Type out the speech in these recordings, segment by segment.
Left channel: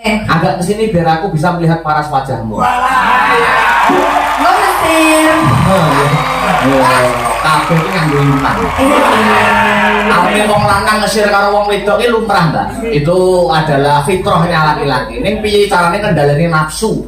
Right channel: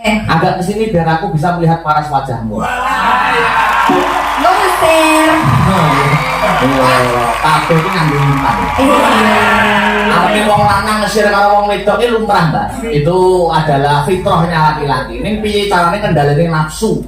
Agak kesini biar aku bisa melihat paras wajahmu. Kabeh iki nganggo impan. Ame wong lanang ngesir karo wong wedok iki lumrah, Mbak. Itu adalah fitrahnya laki-laki. Ning piye carane kendhalane nafsu?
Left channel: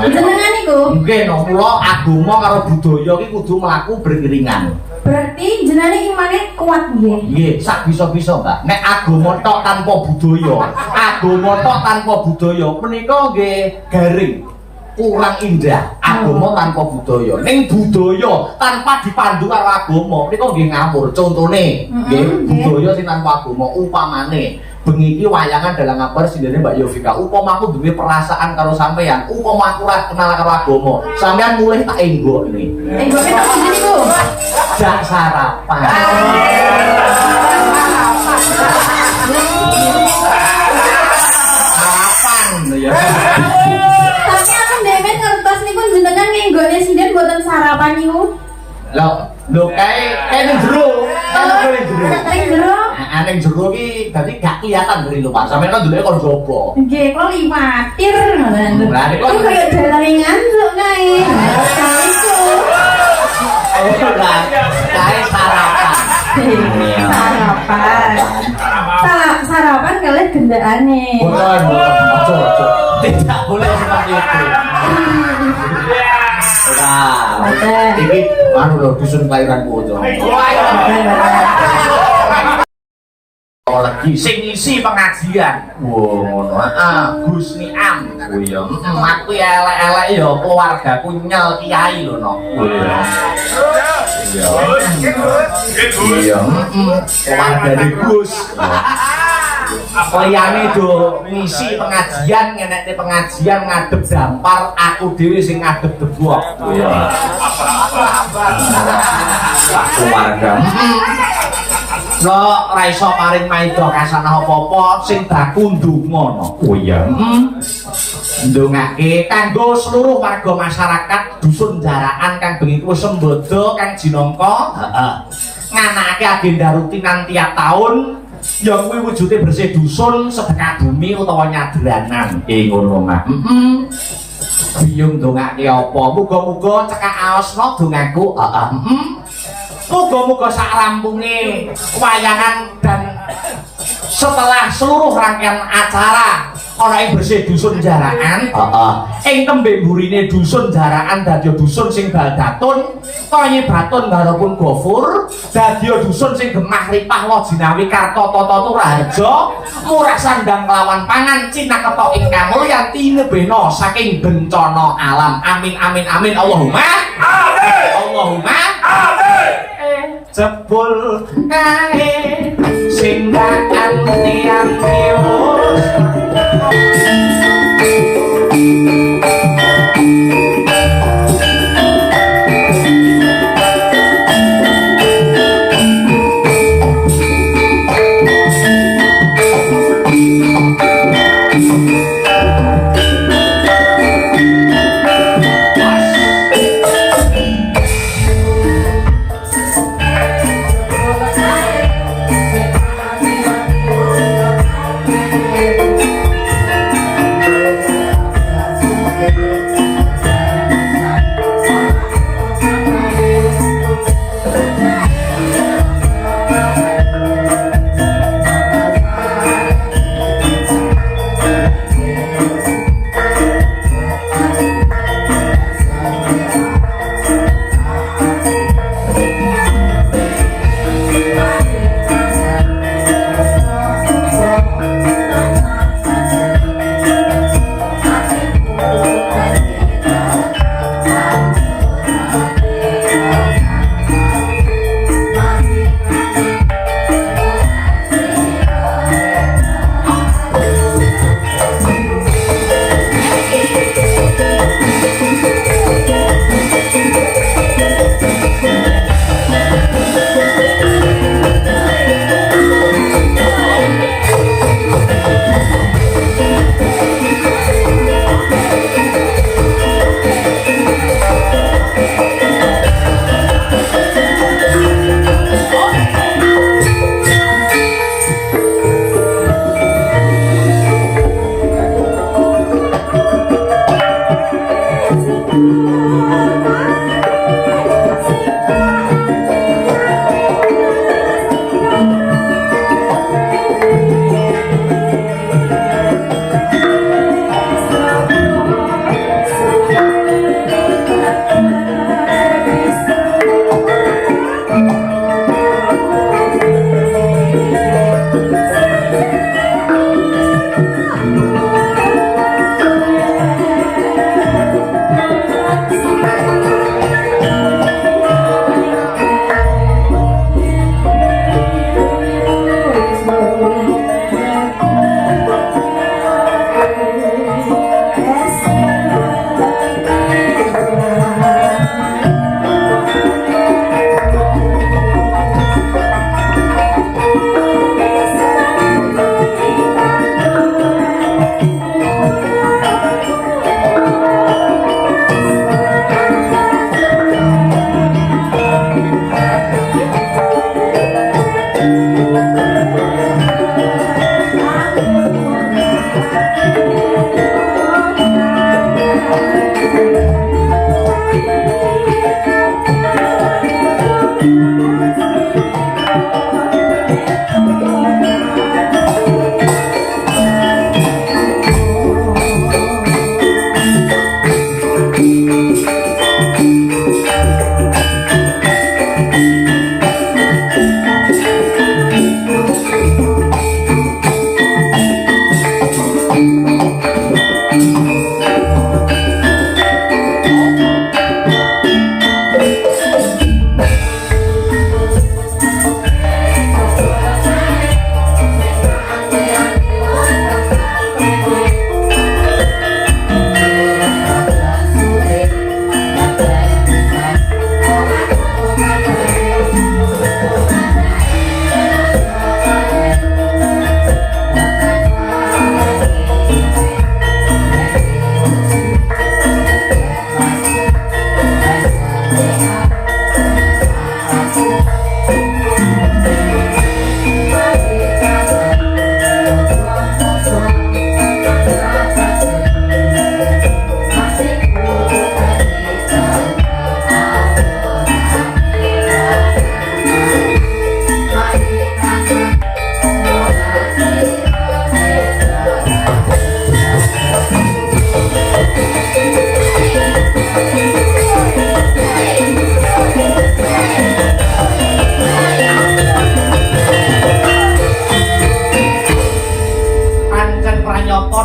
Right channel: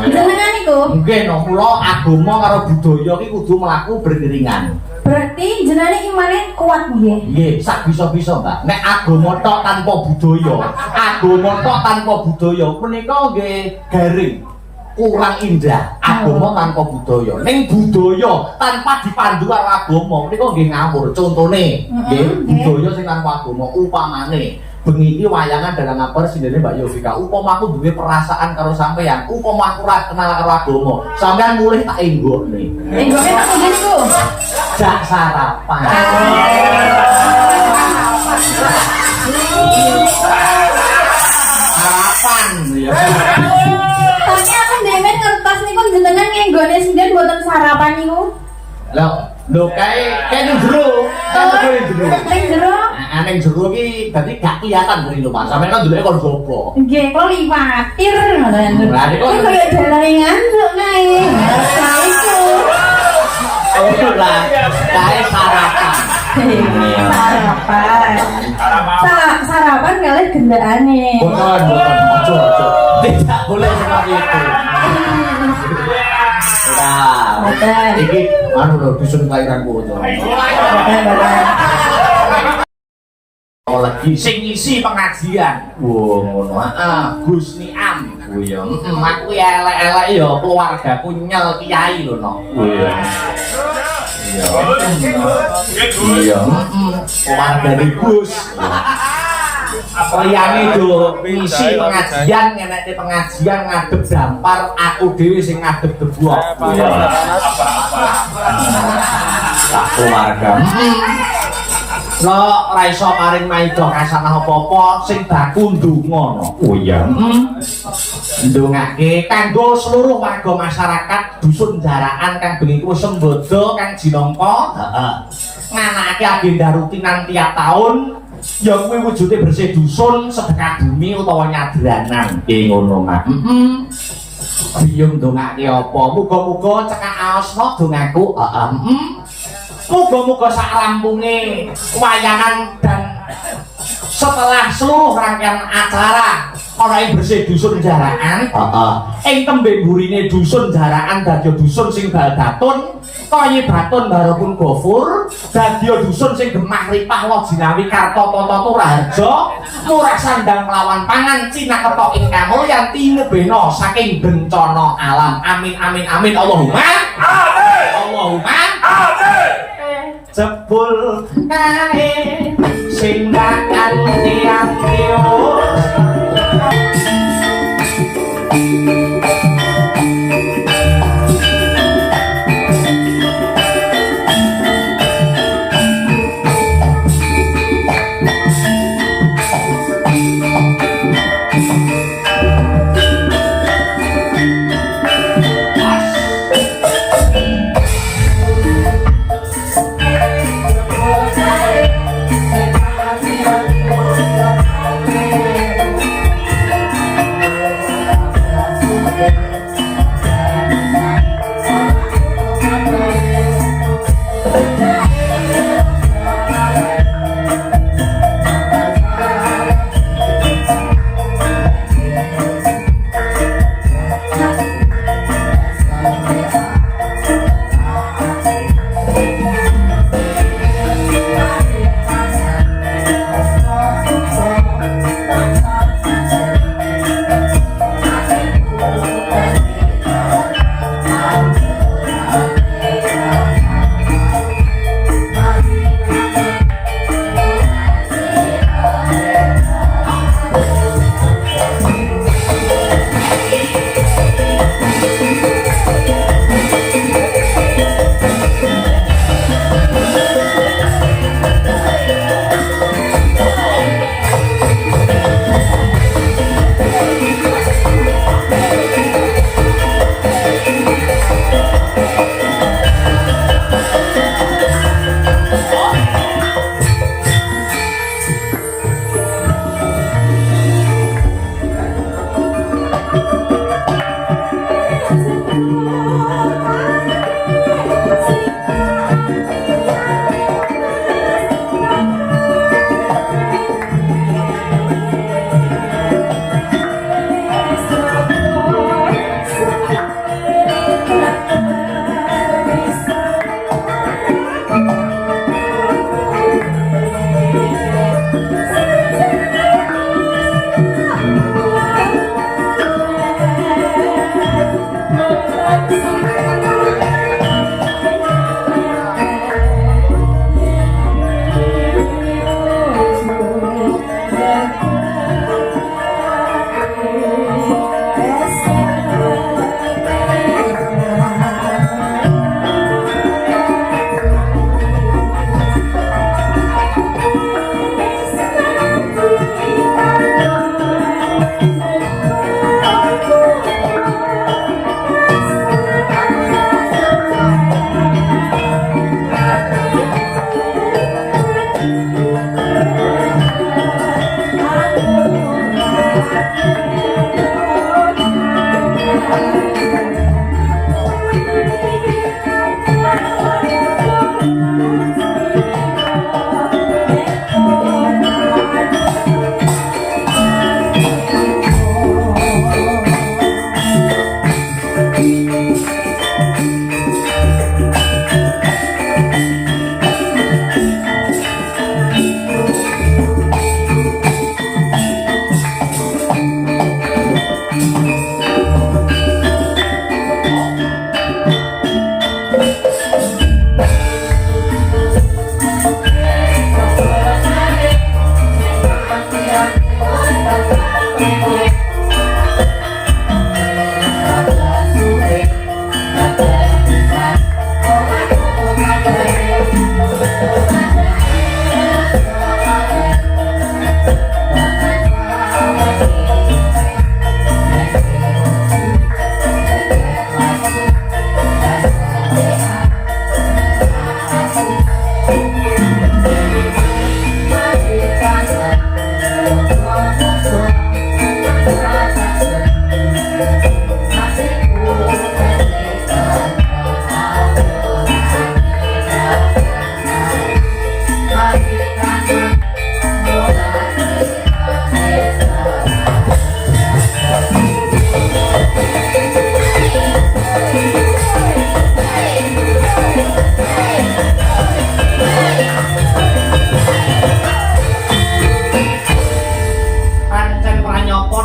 Jenengan iku? Nggih, no, kula agama karo budaya iki kudu mlaku beriringan. Berarti jenengan imane kuat nggih? Nggih, sak bisa-bisa, Mbak. Nek agama tok tanpa budaya, agama tok tanpa budaya menika nggih garing. Kurang indah agama tanpa budaya. Ning budaya tanpa dipandu karo agama menika nggih ngawur. Contone nggih budaya sing tanpa agama upamane bengi iki wayangan dalang ngabar sindene Mbak Yovika. Upama aku duwe perasaan karo sampean, upama aku ora kenal karo agama, sampean mulih tak enggokne. Enggokne tak ngene iku. Jak sarapan. Sarapan ya. Tapi aku demen ngertos niku jenengan ngenggone sinden mboten sarapan niku. Lho kae ning jero, ning jero. Ning jero. Ning jero iki dadi gak kelihatan dari lho Pak. Sampeyan kan delok kon jopo. Nggih, kok liwatir ngoten. Lah niku kaya jaringan kok kae. Iku. Oh lah, kae sarapan. Sarapan. Sarapan kalih gendakane. Boten, aja. Tidak boleh seperti itu. Ora. Iki anu lho dusun kelahiranku to. Lagi sing ngisi pengajian. Wo ngono. Heeh, Gus Niam. Oh iya. Aku elek-elek ya keluargaku nyel kiai lho no. Iya. Iya. Keluarga Gus. Liyane do ngisi pengajian, ngenek pengajian ngadep dampar, aku dhewe sing ngadep debok. Iya. Keluarga. Lo ora iso paring maida kasanah apa-apa sing baku ndonga no. Oh iya. Ndongake kanggo seluruh warga masyarakat dusun Jaraan kang bengi kuwi sembodo kang jinangka, heeh. Nganakake agenda rutinan tiap tahun ya kuwi wujude bersih dusun, sedekah bumi utawa nyadranan. Ngono mah. Biyung ndongake apa? Muga-muga cekak aosna dongaku. Heeh. Muga-muga sak rampunge wayangan dan setelah seluruh rangkaian acara ana ing bersih dusun Jaraan, ing tembe mburine dusun Jaraan dadi dusun sing baldatun, kaya batun garapun gofur, dadi dusun sing gemah ripah wajinawi karta tata turaharja, murah sandang kelawan pangan cinaketa ing kamulyan tinebena saking bencana alam. Amin amin amin. Allahumma amin. Allahumma amin. Jebul kae sing akan tiang riwus.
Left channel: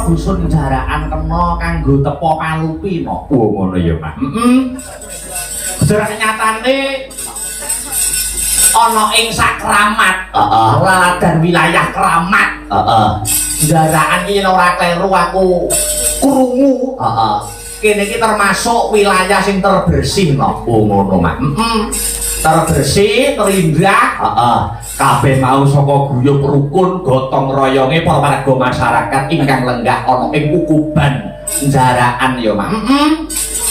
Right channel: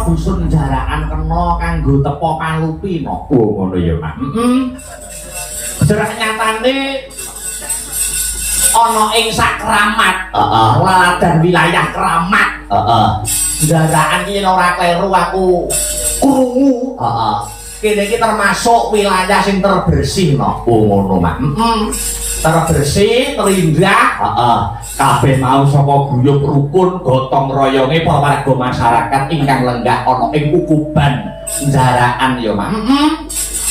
dusun jaraan kena kanggo tepo palupi no. Oh ngono ya, Mas. Jerak nyatane ana ing sakramat. Laladan wilayah Kramat. Jaraan iki ora kleru aku krungu. Kene iki termasuk wilayah sing terbersih no. Oh ngono, Mas. Terbersih, terindah. Kabeh mau saka guyub rukun gotong royonge para warga masyarakat ingkang lenggah ana ing kukuban jaraan ya, Mas.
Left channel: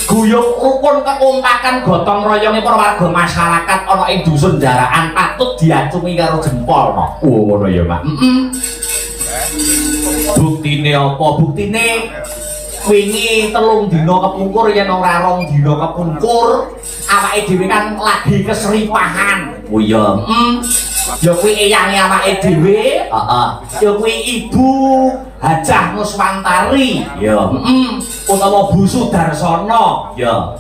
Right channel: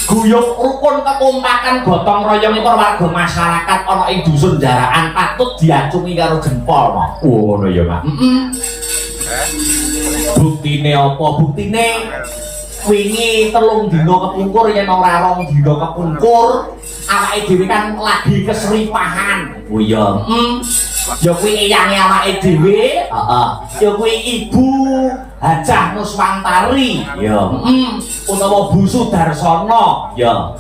Guyub rukun kekompakan gotong royonge para warga masyarakat ana ing dusun jaraan patut diacungi karo jempol no. Oh ngono ya, Mas. Buktine apa? Buktine wingi 3 dina kepungkur yen ora 2 dina kepungkur awake dhewe kan lagi keseripahan. Oh iya. Ya kuwi eyange awake dhewe, ya kuwi Ibu Hajah Nuswantari, ya. Utawa Bu Sudarsana, ya.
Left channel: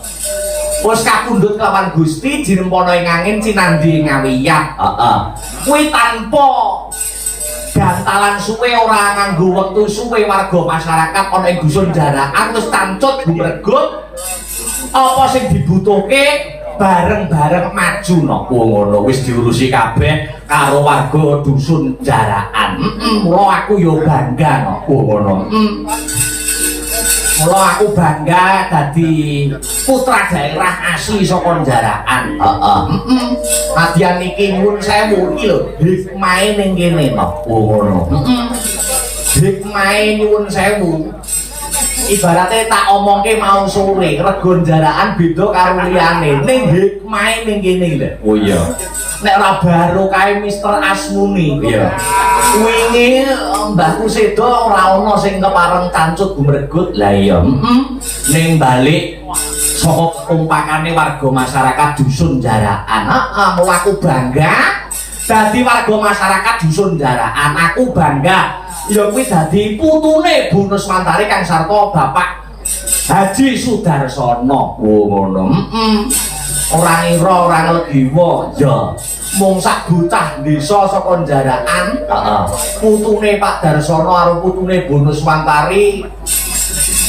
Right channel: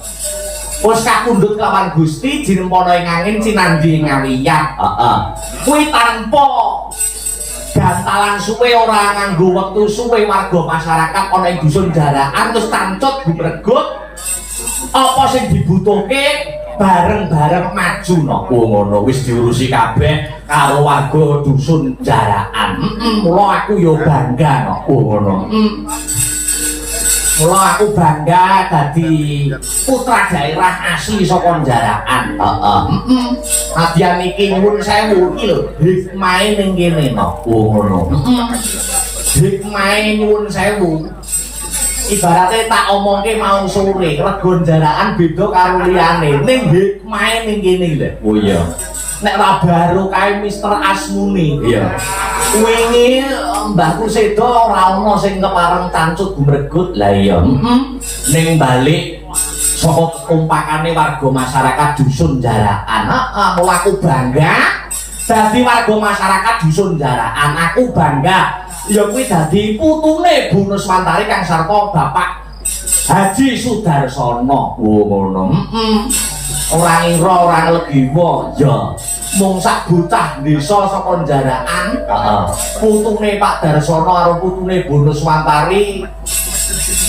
Wis kapundhut kelawan Gusti jinempana ing angin cinandhi ngawiyah. Kuwi tanpa gantalan suwe ora nganggo wektu suwe warga masyarakat ana ing dusun jaraan terus tancut gumregut apa sing dibutuhke bareng-bareng maju no. Oh ngono wis diurusi kabeh karo warga dusun jaraan. Mula aku yo bangga no. Oh ngono. Mula aku bangga dadi putra daerah asli saka jaraan. Nadyan iki nyuwun sewu iki lho hikmahe ning kene no. Oh ngono. Hikmahe nyuwun sewu. Ibaratnya tak omongke mau sore regon jaraan beda karo liyane ning hikmahe ning kene lho. Oh iya. Nek ora baru kae Mister Asmuni. Iya. Wingi Mbahku Sedo ora ana sing kepareng cancut gumregut. Lah iya. Ning balik saka kompakane warga masyarakat dusun jaraan. Mula aku bangga dadi warga masyarakat dusun jaraan. Aku bangga ya kuwi dadi putune Bu Nuswantari kang sarta Bapak Haji Sudarsana. Oh ngono. Ora ira ora legiwa ya mung sak bocah desa saka jaraan. Putune Pak Darsana karo putune Bu Nuswantari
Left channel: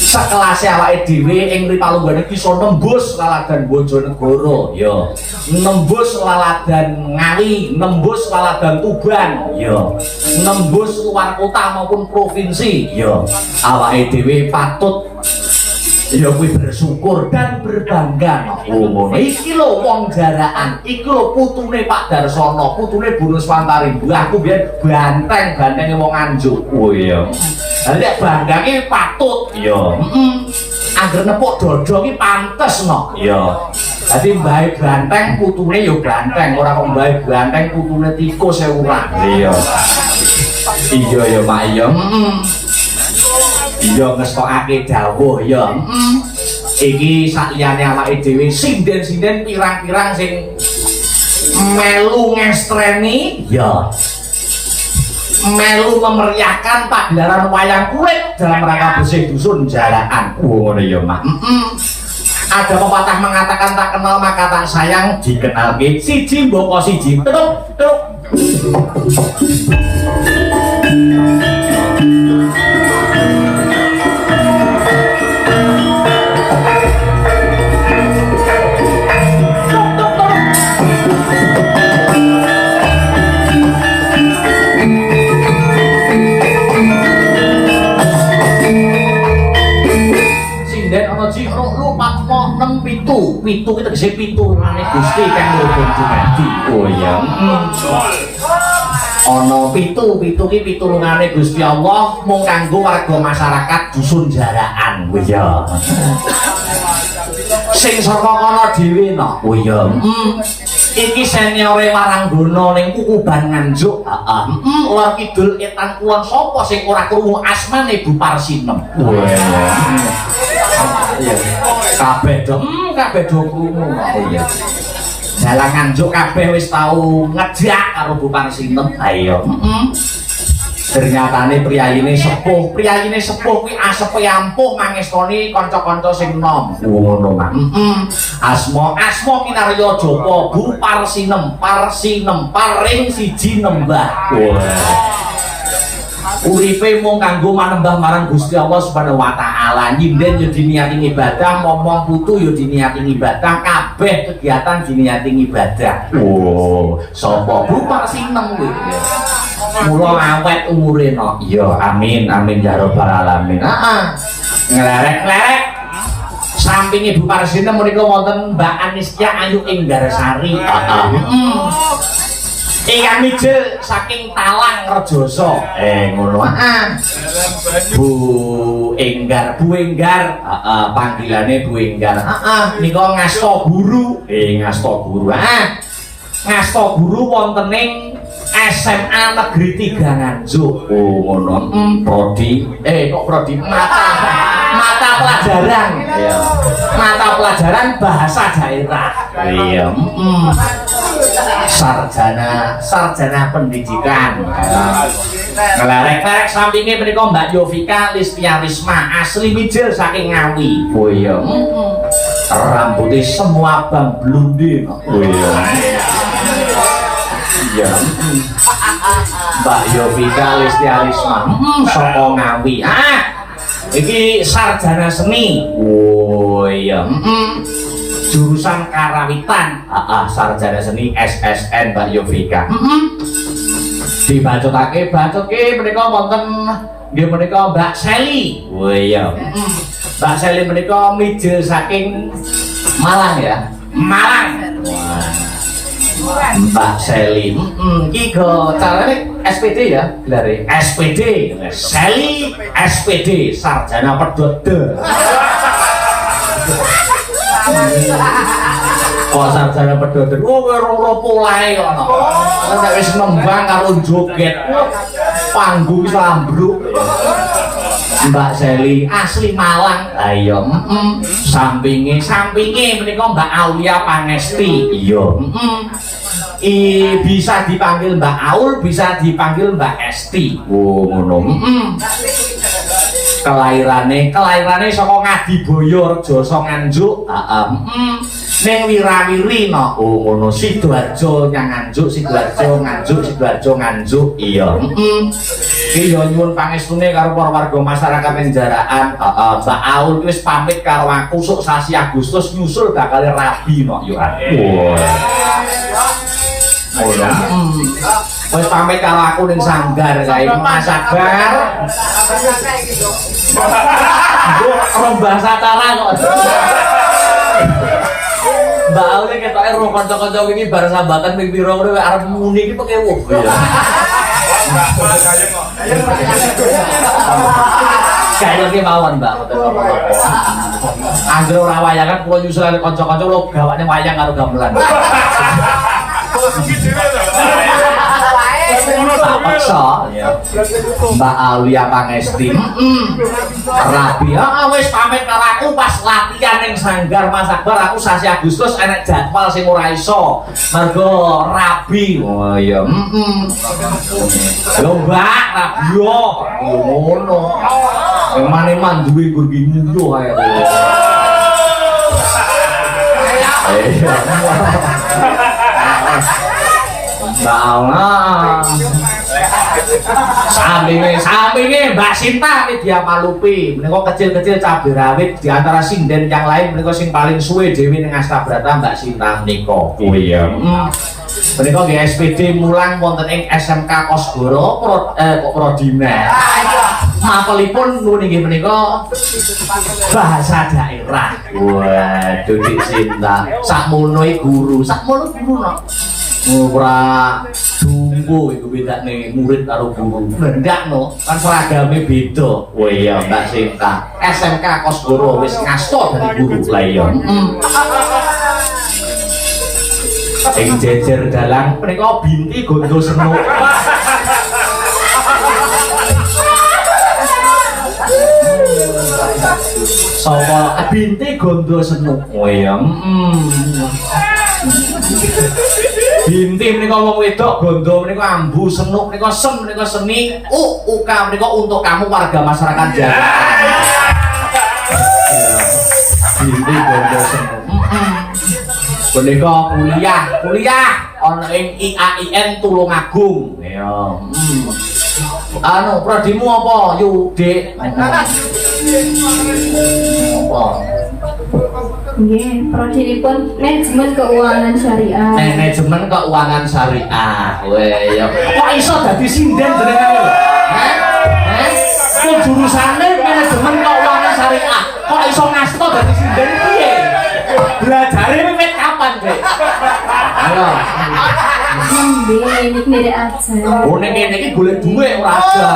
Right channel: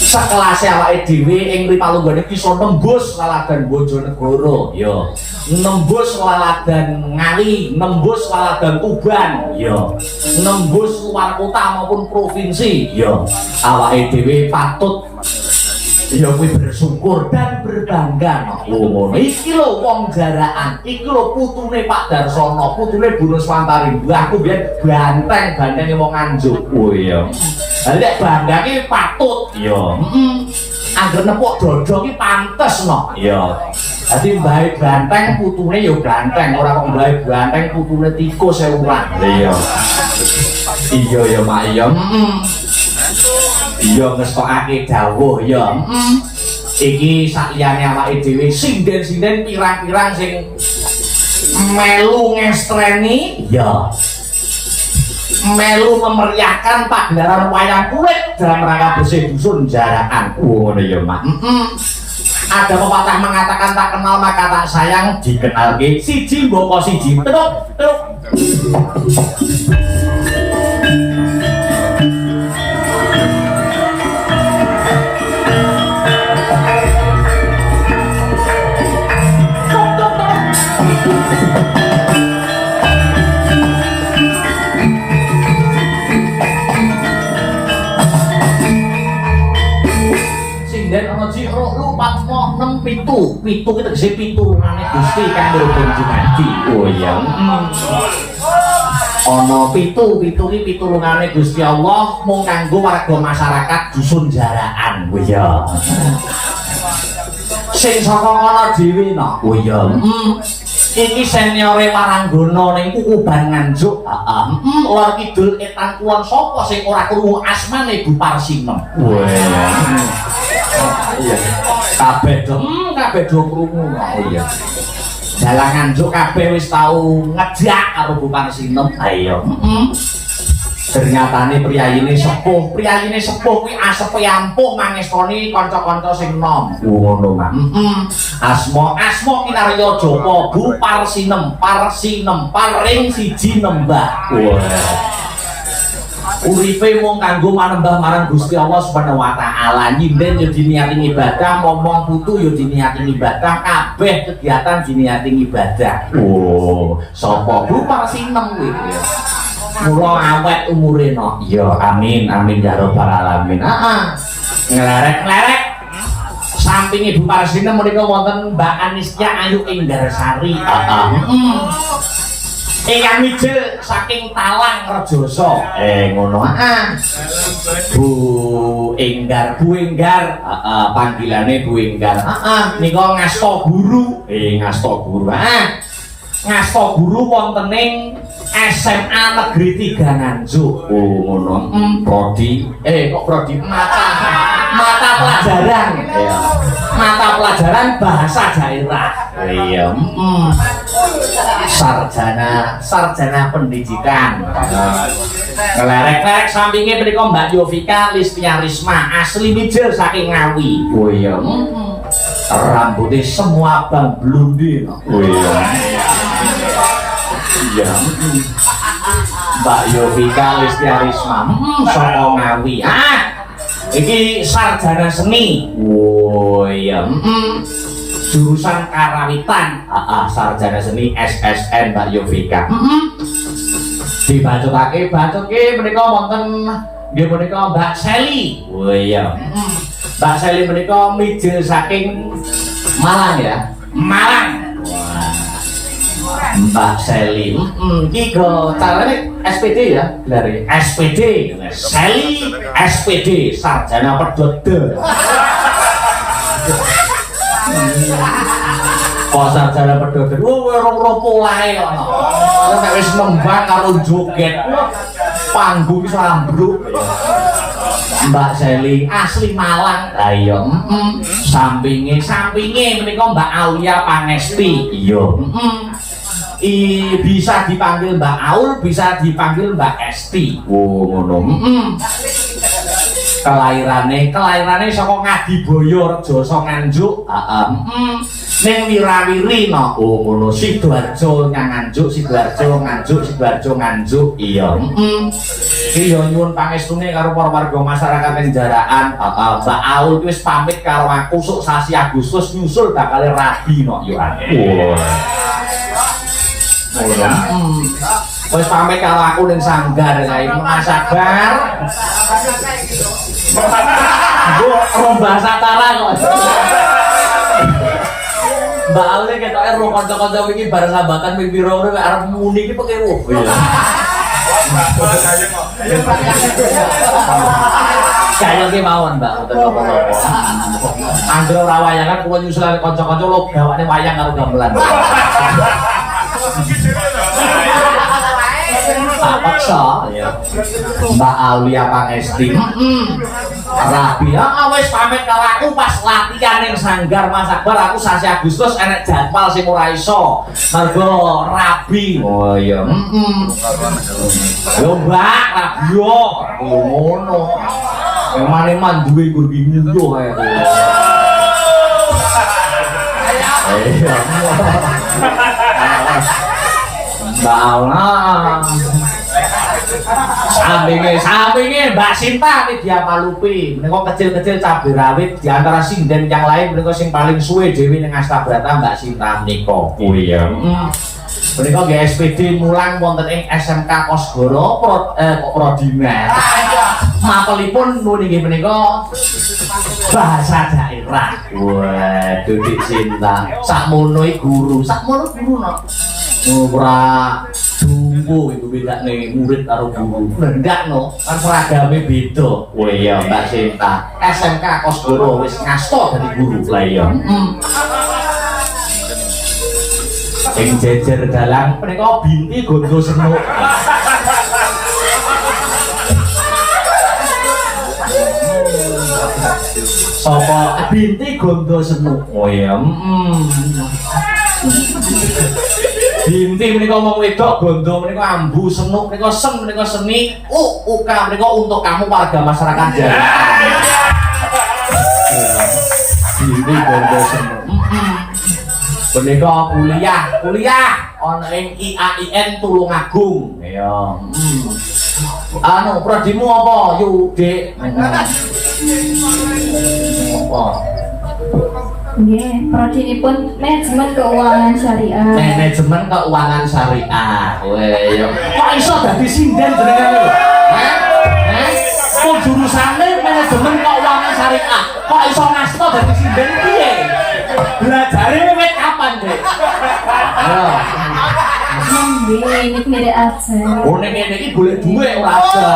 sekelase awake dhewe ing Ripalungguhan iki iso nembus laladan Bojonegoro ya, nembus laladan Ngawi, nembus laladan Tuban ya, nembus luar kota maupun provinsi ya. Awake dhewe patut ya kuwi bersyukur dan berbangga no. Oh ngono. Iki lho wong jaraan, iki lho putune Pak Darsana, putune Bu Nuswantari. Aku biyen banteng-bantenge wong Nganjuk. Oh iya. Lah nek banggane patut Iya. Angger nepuk dada ki pantes no. Iya. Dadi mbahe banteng putune ya banteng, ora kok mbahe banteng putune tikus e urang. Iya. Iya ya, Mak iya. Iya ngestokake dawuh ya. Iki sak liyane awake dhewe sinden-sinden pirang-pirang sing melu ngestreni Ya. melu memeriahkan pagelaran wayang kulit dalam rangka bersih dusun Jarakan. Ngono ya, Mak. Ada pepatah mengatakan tak kenal maka tak sayang, dikenal ke siji mboko siji. Tutup, tutup. Pitu itu tegese pitulungane Gusti kang nuwun dumadi. Oh iya. Ana pitu ki pitulungane Gusti Allah mung kanggo warga masyarakat dusun Jarakan. Oh iya. Sing saka kono dhewe no. Oh iya. Iki seniore Waranggana ning Kukuban Nganjuk. Heeh. Lor kidul etan kulon sapa sing ora krungu asmane Bu Parsinem. Oh iya. Iya. Kabeh do krungu. Oh iya. Dalang Nganjuk kabeh wis tau ngejak karo Bu Parsinem. Ayo. Ternyatane priyayine sepuh kuwi asepe ampuh mangestoni kanca-kanca sing nom. Ngono, Mak. Asma kinarya Japa Bu Parsinem paring siji nembah. Uripe mung kanggo manembah marang Gusti Allah Subhanahu wa taala. Nyinden yo diniati ibadah, ngomong putu yo diniati ibadah, kabeh kegiatan diniati ibadah. Oh, Sapa Bu Parsinem kuwi? Mula awet umure no. iya, amin ya rabbal alamin. Heeh. Nglerek-nglerek samping Ibu Parsinem menika wonten Mbak Anistia Ayu Inggarsari. Ingkang mijil saking Talang Rejoso. Ngono. Bu Enggar, panggilane Bu Enggar. Nika ngasta guru. Ngasta guru. Ngasta guru wonten ing SMA Negeri 3 Nganjuk. Oh, ngono. Prodi. Kok prodi mata pelajaran. Iya. Mata pelajaran bahasa daerah. Iya. Sarjana pendidikan. Ngelerek-lerek sampingnya menika Mbak Yovika Listiarisma asli mijil saking Ngawi. Oh iya. Rambutnya semua bang blonde. Oh iya. Iya. Mbak Yovika Listiarisma saka Ngawi. Iki sarjana seni. Oh iya. Jurusan Karawitan. Sarjana seni SSN Mbak Yovika. Dibacotake menika wonten nggih menika Mbak Seli. Oh iya. Mbak Seli menika mijil saking Malang ya. Malang. Mbak Seli. Iki go carane SPD ya, gelare. SPD. Seli SPD, sarjana pedhot. Kok sarjana pedhot. Rong polahe kok. Nek wis nembang karo joget. Panggung iso ambruk. Mbak Seli asli Malang. Ayo. Sampinge menika Mbak Aulia Pangesti. Iya. Bisa dipanggil Mbak Aul, bisa dipanggil Mbak Esti. Oh, ngono. Kelairane saka Ngadiboyo Rejoso Nganjuk. Ning Wirawiri no. Oh, ngono. Sidoarjo Nganjuk, Sidoarjo Nganjuk. Iya. Iki yo nyuwun pangestune karo para warga masyarakat ing Jarakan. Mbak Aul wis pamit karo aku sok sasi Agustus nyusul bakal rabi no yo. Wis pamit karo aku ning Sanggar kae Mas Sabar. Rong bahasa cara kok. Mbak Aul ketoke ro kanca-kanca iki bar sambatan ping pira ngono arep muni iki peke wuh. Kaya ki mawon Mbak, betul apa-apa. Anggere ora wayangan kula nyusul kanca-kanca lo gawane wayang karo gamelan. Tak paksa ya. Mbak Aulia Pangesti. Rabi, wis pamit karo aku pas latihan ning Sanggar Mas Akbar aku sasi Agustus enek jadwal sing ora iso. Mergo rabi. Oh iya. Yo Mbak, rabi yo. Yo ngono. Emane manduwe gur bingung ae. Iya. Salah. Sampinge Mbak Sinta iki dia malupi. Menika kecil-kecil cabai rawit di antara sinden yang lain menika sing paling suwe dhewe ning Astabrata Mbak Sinta menika. Oh iya. Menika nggih SPD mulang wonten ing SMK Kosgoro Prodina. Mapelipun nggih menika bahasa daerah. Waduh Dik Sinta. Sakmono iki guru, sakmono guru no. Ora tunggu iku bedane murid karo guru. Ndak no, kan seragame beda. Oh iya Mbak Sinta. SMK Kosgoro wis ngasta dadi guru. Lah iya. Ing jejer dalang menika binti gondo senuk. Sapa binti gondo senuk. Oh iya. Binti menika wong wedok, gondo menika ambu, senuk menika sem menika seni, uka menika untuk kamu warga masyarakat Jakarta. Binti gondo senuk. Menika kuliah ana ing IAIN Tulungagung. Ya. Anu prodimu apa, Yu, Dik? Apa? Nggih, prodinipun manajemen keuangan syariah. Manajemen keuangan syariah. Weh, ya. Kok iso dadi sinden jenenge lho? Kok jurusane manajemen keuangan syariah? Kok iso ngasta dadi sinden piye? Belajare wit kapan, Dek? Ya. Nggih, niki aja. Oh, nek ngene iki golek dhuwit ora aja.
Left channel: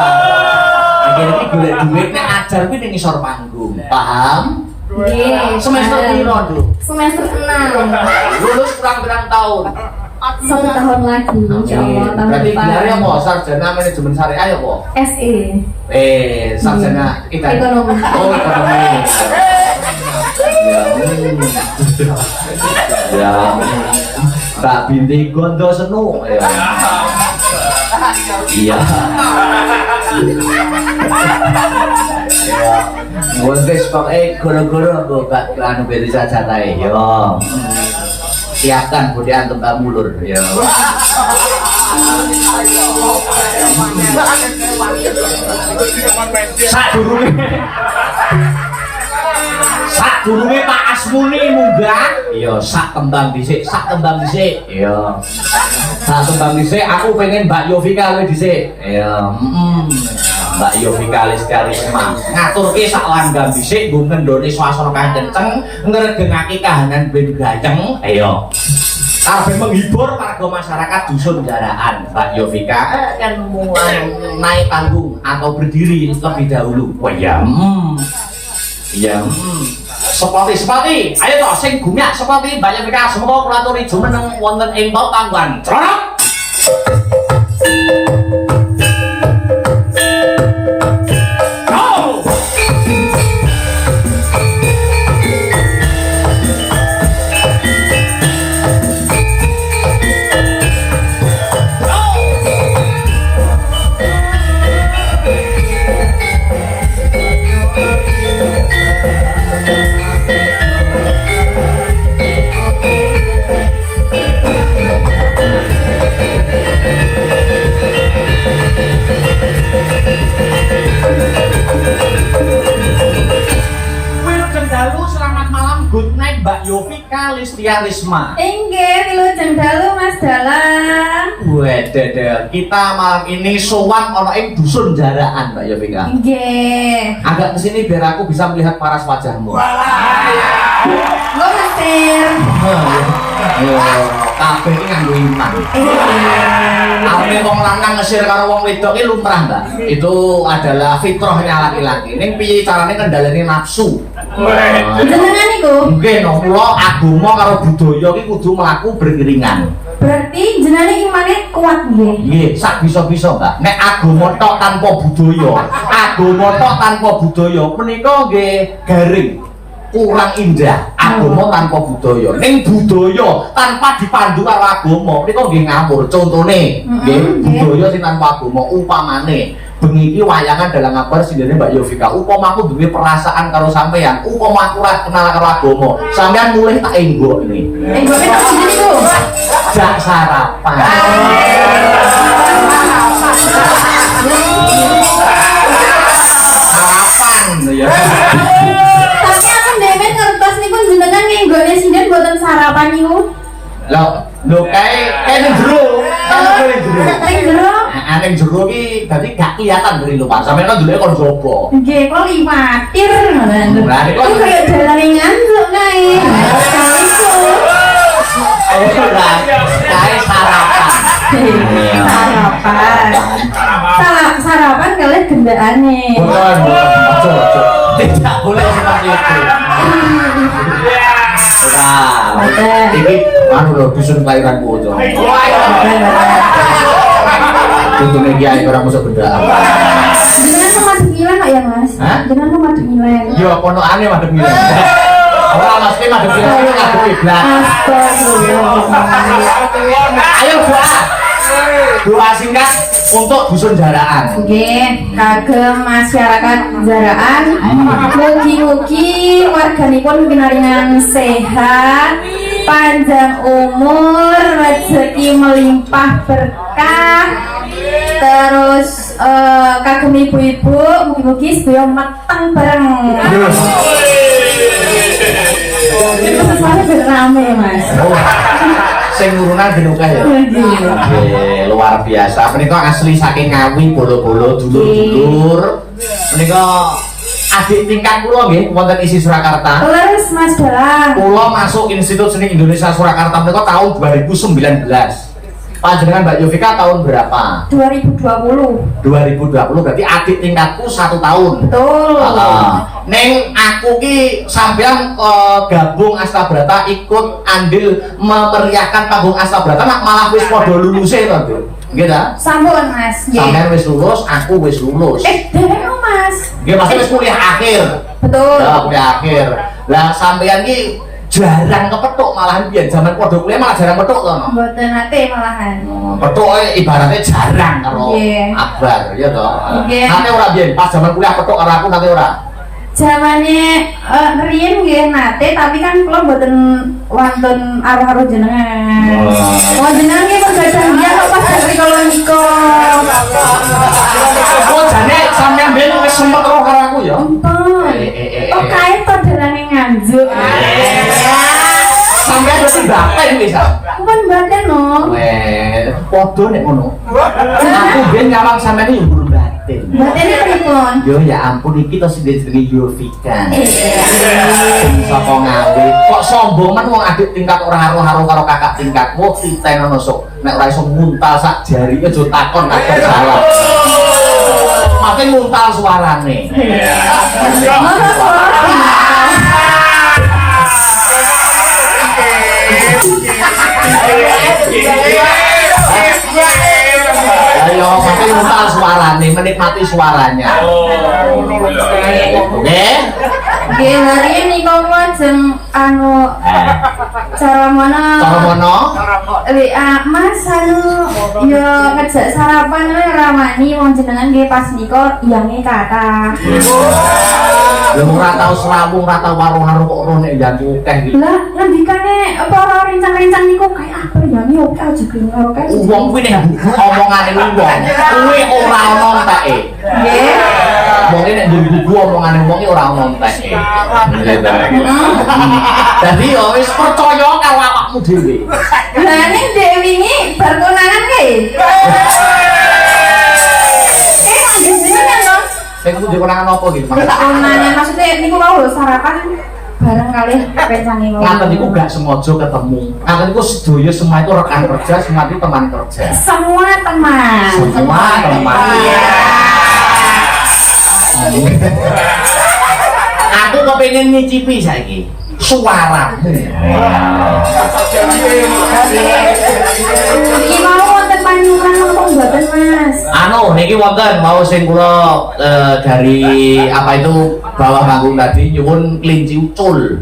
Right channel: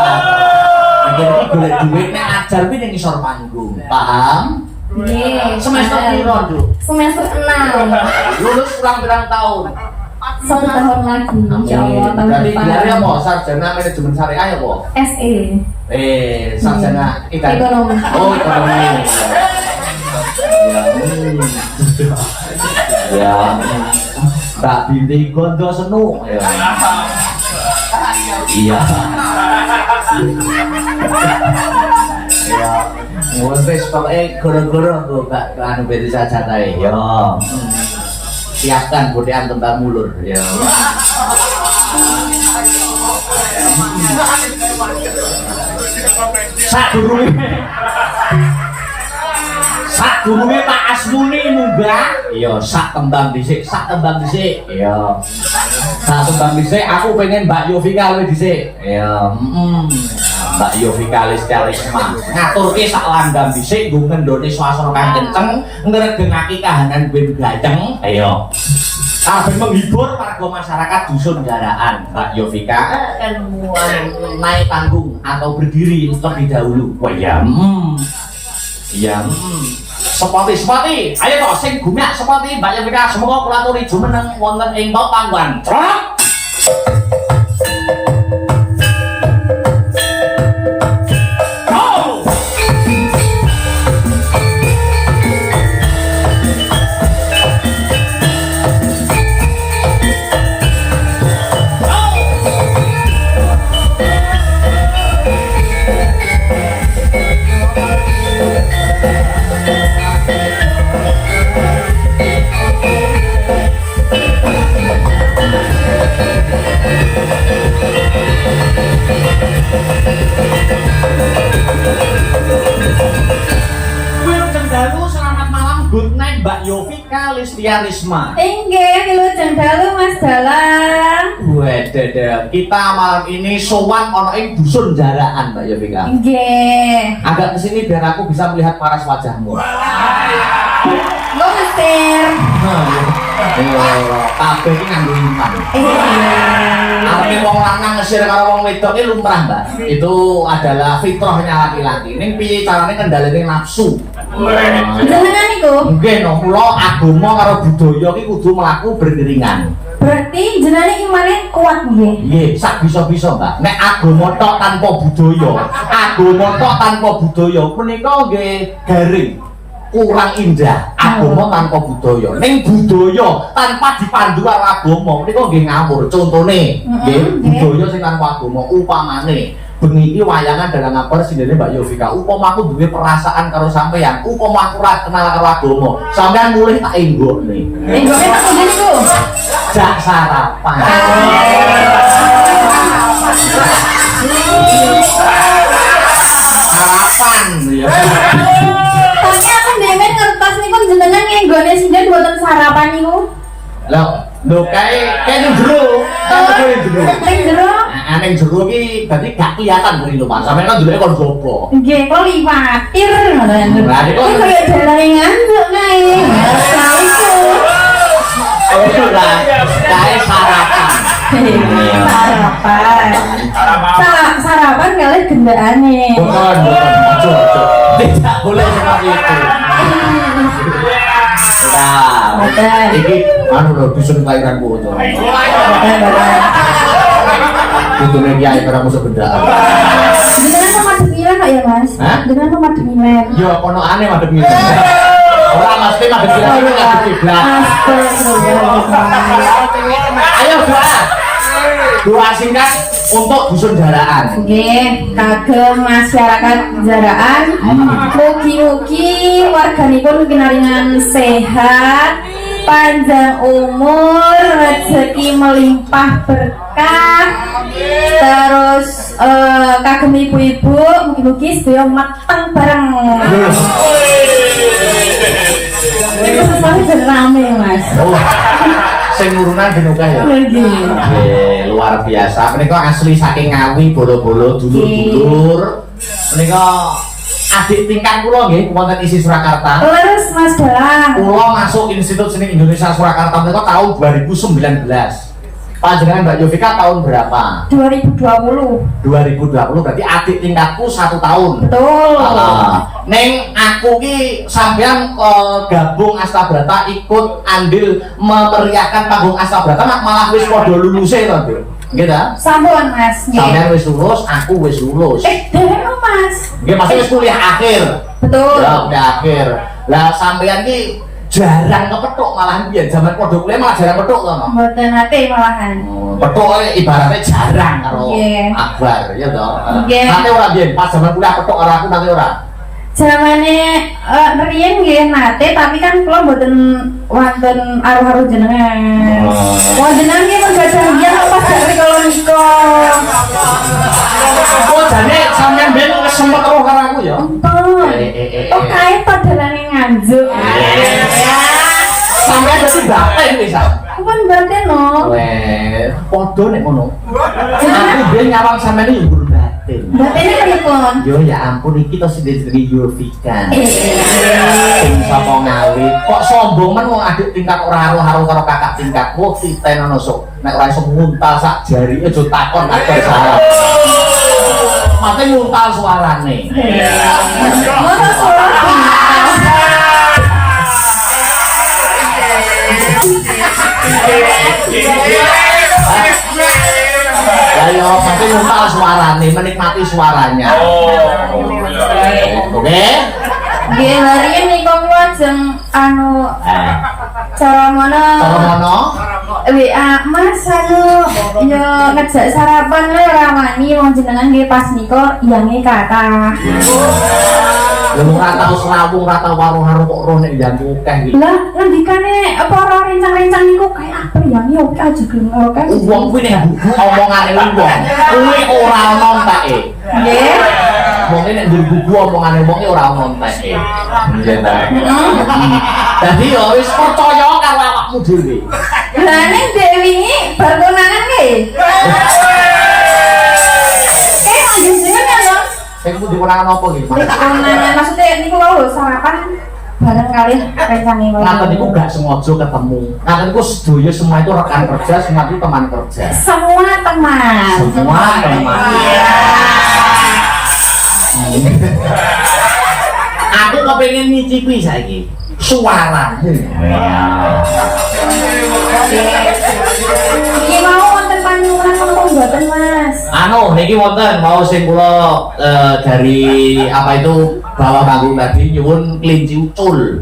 Nek iki golek dhuwit nek ajar kuwi ning ngisor panggung. Paham? Nggih, Semester piro, Nduk? semester 6. Lulus kurang berapa tahun? 1 tahun lagi, insyaallah tahun Berarti depan. biar apa? Sarjana manajemen syariah ya, apa? SE. Sarjana Ekonomi. Oh, ekonomi. Ya. Mbak Binti gondo senuk. Ya. Iya. Wes pokoke goro-goro go Mbak anu beti sajatae. Yo. Siapkan budean tembak mulur ya. Sadurunge Pak Asmuni munggah, iya sak tembang dhisik, iya. Sak tembang dhisik aku pengen Mbak Yovika luwih dhisik. Iya, Mbak Yovika Lestiarisma. Ngaturke sak langgam dhisik nggo ngendhone swasana kang kenceng, ngregengake kahanan ben gayeng. Iya. Kabeh menghibur warga masyarakat dusun Jaraan. Mbak Yovika kan mulai naik panggung atau berdiri lebih dahulu. Oh iya. Iya. Seperti. Ayo toh sing gumiak seperti Mbak Yovika semoga kula aturi jumeneng wonten ing panggonan. Celok. Good night Mbak Yovika Lestiarisma. Inggih, wilujeng dalu Mas Dalang. Wedeh, kita malam ini sowan ana ing dusun Jaraan Mbak Yovika. Nggih. Agak kesini biar aku bisa melihat paras wajahmu. Mau mesir. Kabeh iki nganggo iman. Arep wong lanang ngesir karo wong wedok iki lumrah, Mbak. Itu adalah fitrahnya laki-laki. Ning piye carane kendhalane nafsu? Jenengan niku? Nggih, no, kula agama karo budaya iki kudu mlaku beriringan. Berarti jenengan imane kuat, Nggih. Nggih, sak bisa-bisa, Mbak. Nek agama tok tanpa budaya menika nggih garing. Kurang indah agama tanpa budaya. Ning budaya tanpa dipandu karo agama menika nggih ngawur. Contone nggih budaya sing tanpa agama upamane bengi iki wayangan dalam ngabar sindene Mbak Yovika. Upama aku duwe perasaan karo sampean, upama aku ora kenal karo agama, sampean mulih tak enggokne. Enggone kok niku. Jak sarapan. Sarapan ya. Tapi aku demen ngertos niku jenengan ngenggone sinden mboten sarapan niku. Lho kae nang jero, Ning jero. ning jero iki dadi gak kelihatan dari lho Pak. Sampeyan kan duluke kon jopo. Nggih, kok liwatir ngono. Lah niku Kok kaya dalane ngantuk kae. ora kae sarapan. Sarapan kalih gendakane. Bukan. Aja. Tidak boleh seperti itu. Ora. Iki anu lho dusun pairan kuwi. Tutune kiai ora mosok bendaan. Jenengan sama Demilan Pak ya Mas? Hah? Jenengan sama Demilan. Yo ponokane madhep ngene. Ora mesti madhep ngene ngadep kiblat. Ayo doa. Doa singkat untuk dusun Jaraan. Nggih, kagem masyarakat Jaraan, mugi-mugi warganipun pinaringan sehat, panjang umur, rezeki melimpah berkah. Terus kagem ibu-ibu, mugi-mugi sedaya mateng bareng. Ini sesuatu ben rame Mas. Sing urunan ben akeh ya. Nggih, luar biasa. Menika asli saking Ngawi, Bolo-bolo, dulur-dulur. Menika adik tingkat kula nggih wonten isi Surakarta. Leres Mas Dalang. Kula masuk Institut Seni Indonesia Surakarta menika tahun 2019. Panjenengan Mbak Yovika tahun berapa? 2020. 2020 berarti adik tingkatku 1 tahun. Betul. Neng aku ki sampean gabung Astabrata ikut andil memeriahkan panggung Astabrata malah wis padha luluse to, Nduk. Nggih ta? Sampun Mas. Nggih. Sampean wis lulus, aku wis lulus. Derek Mas. Nggih, maksudnya wis kuliah akhir. Betul. Ya, kuliah akhir. Lah sampean ki jarang kepethuk malahan biyen zaman padha kuliah malah jarang kepethuk to, no? Mboten nate malahan. Petuk ibaratnya jarang karo Nggih. akbar ya to. Nggih. Nate ora biyen pas zaman kuliah petuk karo aku nate ora. Zamane riyen nggih nate tapi kan kula mboten wonten aruh-aruh jenengan. Wah jenengan nggih menggadah dia pas dari kula nika. Oh jane sampean ben wis sempet karo aku ya. Oh kae to dalane nganjuk. Sampean mesti baten wis. Pun baten no. Weh, padha nek ngono. Aku ben nyawang sampean iki guru batin. Batene pripun? Yo ya ampun iki to sing jenenge Yovika. Sapa Ngawi? Kok sombong men wong adik tingkat ora karo karo kakak tingkat. Wah, titenono sok. Nek ora iso nguntal sak jarine aja takon aku salah. Mate nguntal suarane. Ayo, mate nguntal suarane, menikmati suaranya. Oke? Nggih, riyen niku lajeng anu cara mono. Cara mono? WA Mas anu yo ngejak sarapan le rawani wong jenengan nggih pas nika iyange kata. Ya ora tau selawung, ora tau warung-warung kok rono nek jantu akeh iki. Lah ngendikane para rencang-rencang niku kaya apa iyange oke aja gelem karo kan. Wong kuwi nek omongane wong, kuwi ora ono enteke. Nggih. Wong nek njur omongane wong iki ora ono enteke. Nggih ta. Dadi yo wis percaya karo awakmu dhewe. Lah nek dek wingi bar konangan ki. Jenengan lho. Sing kudu dikonangan apa iki? Konangan maksudnya niku lho sarapan bareng kali rencange wae. Ngaten niku gak sengaja ketemu. Ngaten niku sedaya semua itu rekan kerja, semua itu teman kerja. Semua teman. Semua teman. Aku kepengin nyicipi saiki suara. Iki mau wonten panjenengan Niki wonten mau sing kula dari apa itu bawa panggung tadi nyuwun kelinci ucul.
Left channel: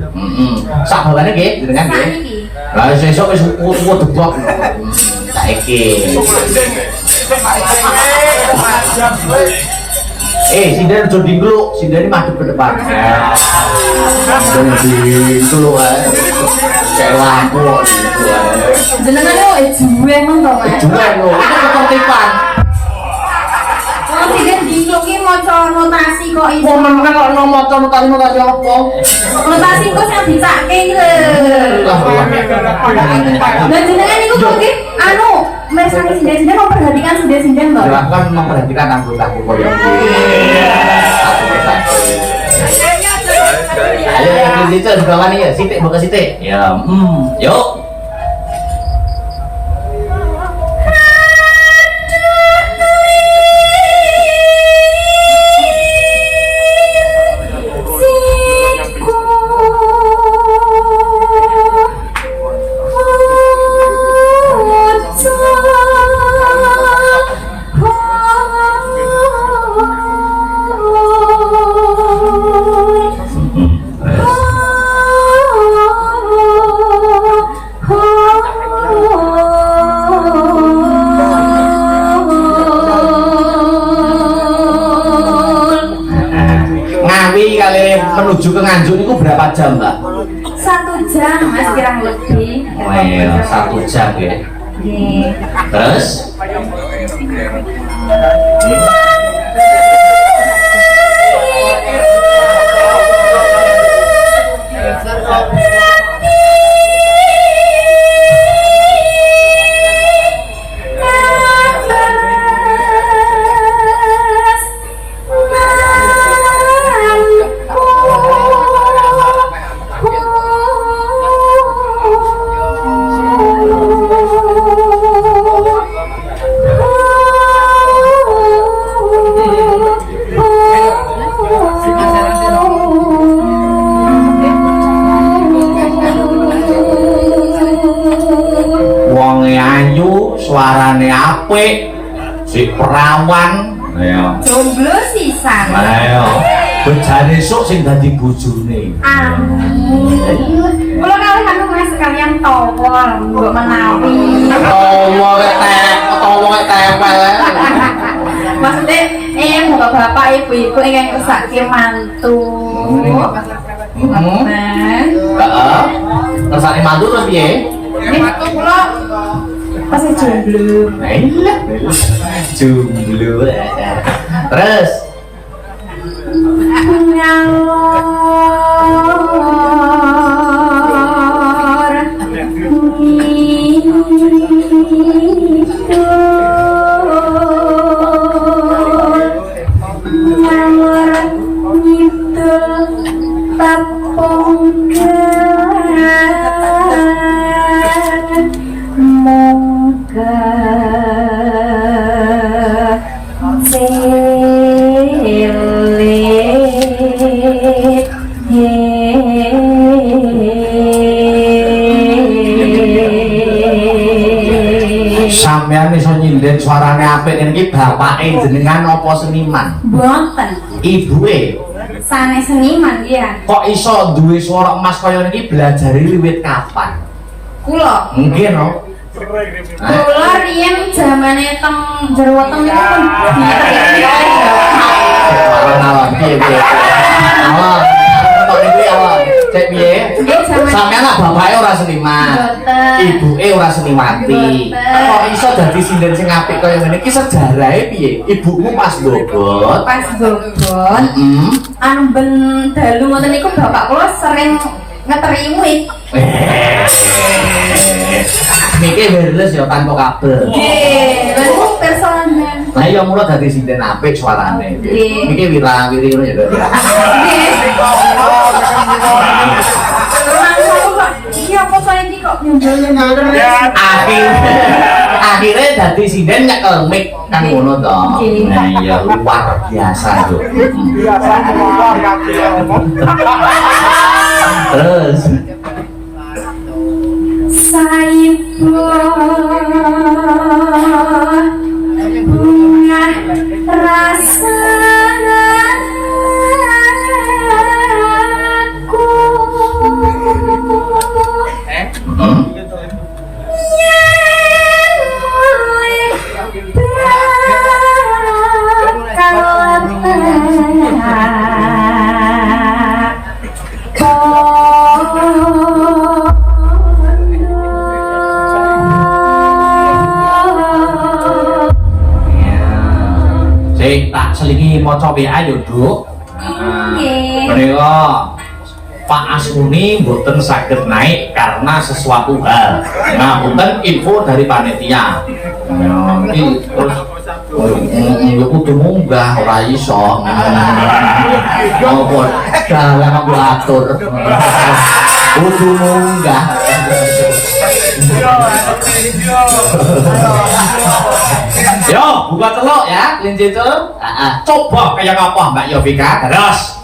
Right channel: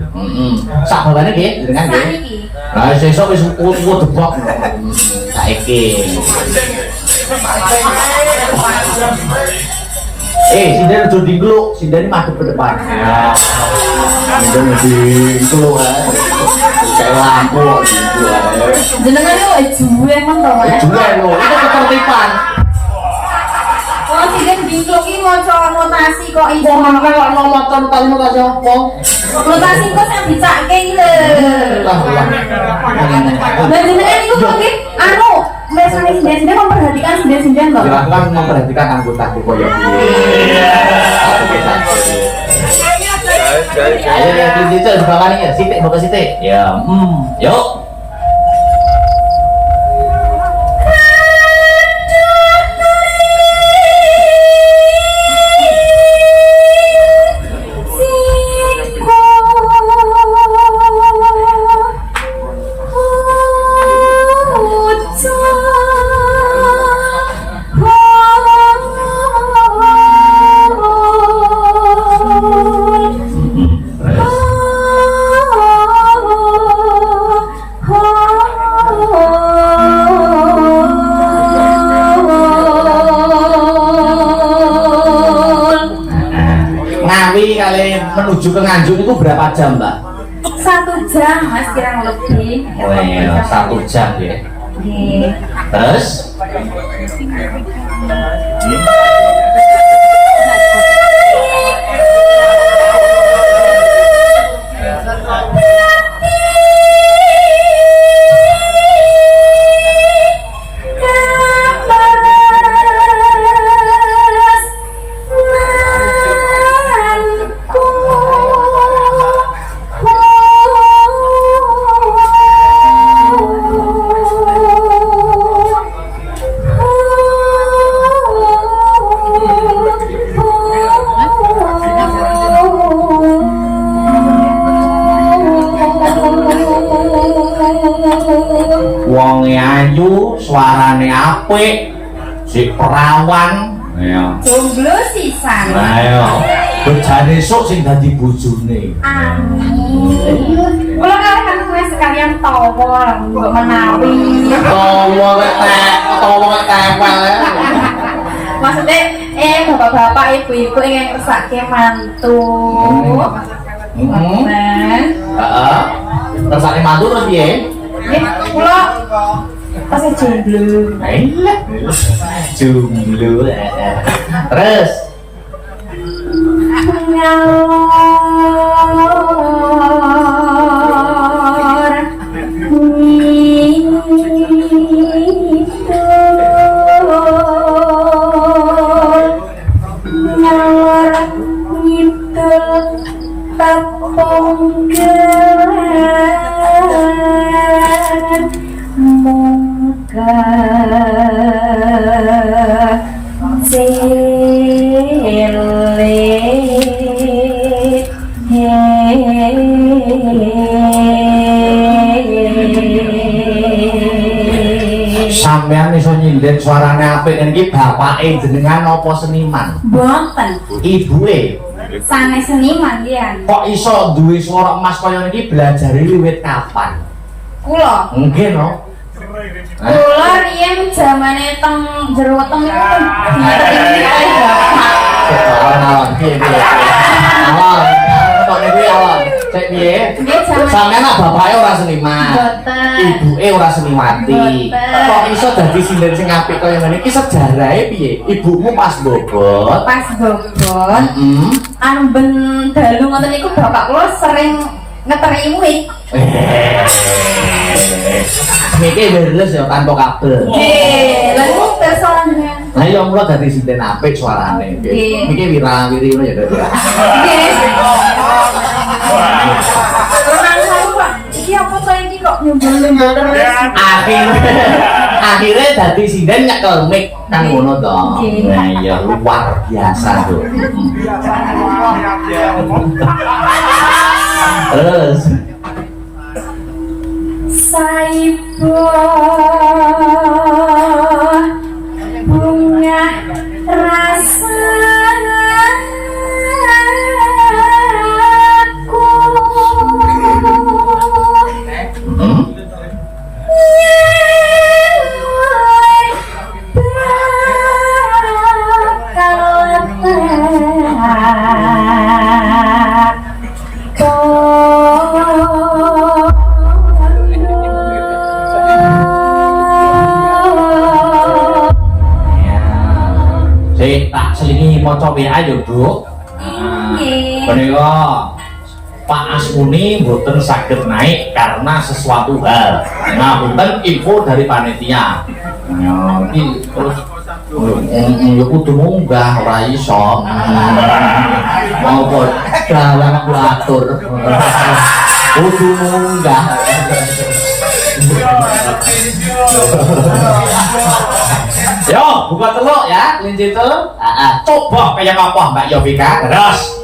Sak bawane nggih jenengan nggih. Lah sesuk wis kuwo debok. Saiki. Sinden aja dingkluk, sinden madhep ke depan. Sinden dingkluk ae. Kayak lampu kok dingkluk ae. Jenengane kok juwe ngono to, Mas? Juwe lho, itu ketertiban. Oh, sing dingkluk ki maca notasi kok iso. Kok menawa kok maca notasi apa? Notasi kok sing dicake iki lho. Lah, Lah jenengan niku kok nggih anu mesane sinden memperhatikan sinden-sinden to. aku kan memperhatikan anggota koyo iki. Ayo ya kelinci di bawah nih ya, sitik buka sitik. Ya, yuk. Menuju ke Nganjuk itu berapa jam, Mbak? 1 jam, Mas, kurang lebih. Oh iya, 1 jam ya. Terus? Suarane apik, si perawan, jomblo sisan. Ayo, bejane esuk sing dadi bojone. Amin. Kula kalih kanggo Mas sekalian tawa, mbok menawi. Tawa tempel. Maksudnya, bapak-bapak, ibu-ibu ingin kesakti mantu. Heeh. Tersane mantu terus piye? Kula masih jomblo. Jomblo. Terus sampean iso nyinden suarane apik niki bapake jenengan apa seniman? Boten. Ibuke Sanes seniman ya. kok iso duwe suara emas kaya niki belajari wiwit kapan? Kula. Mungkin no. Kula riyen zamane teng jero weteng niku Awan piye piye. Awan. Kok niki awan. Cek piye? Sampeyan lah bapake ora seniman. Ibuke ora seniwati. Kok iso dadi sinden sing apik kaya ngene iki sejarahe piye? Ibumu pas bobot. pas bobot. Amben dalu ngoten niku bapak kula sering ngeteri muid. Niki wireless ya tanpa kabel. Nggih, lha iku persoalannya. Lah iya mula dadi sinden apik suarane. Niki wira-wiri ngono ya, Dok. Iki apa saya iki kok nyumbul-nyumbul terus? Akhirnya dadi sinden nyekel mic kan ngono to. Nah iya luar biasa, Dok. Terus Saibu bunga Sik tak selingi maca WA yo, Nduk. Nggih. Menika Pak Asmuni mboten saged naik karena sesuatu hal. Ngapunten info dari panitia. Ya, iki terus ya kudu munggah ora iso. Apa dalang aku atur. Kudu munggah. Yo, buka teluk ya, kelinci itu. Coba kayak apa Mbak Yovika? Terus.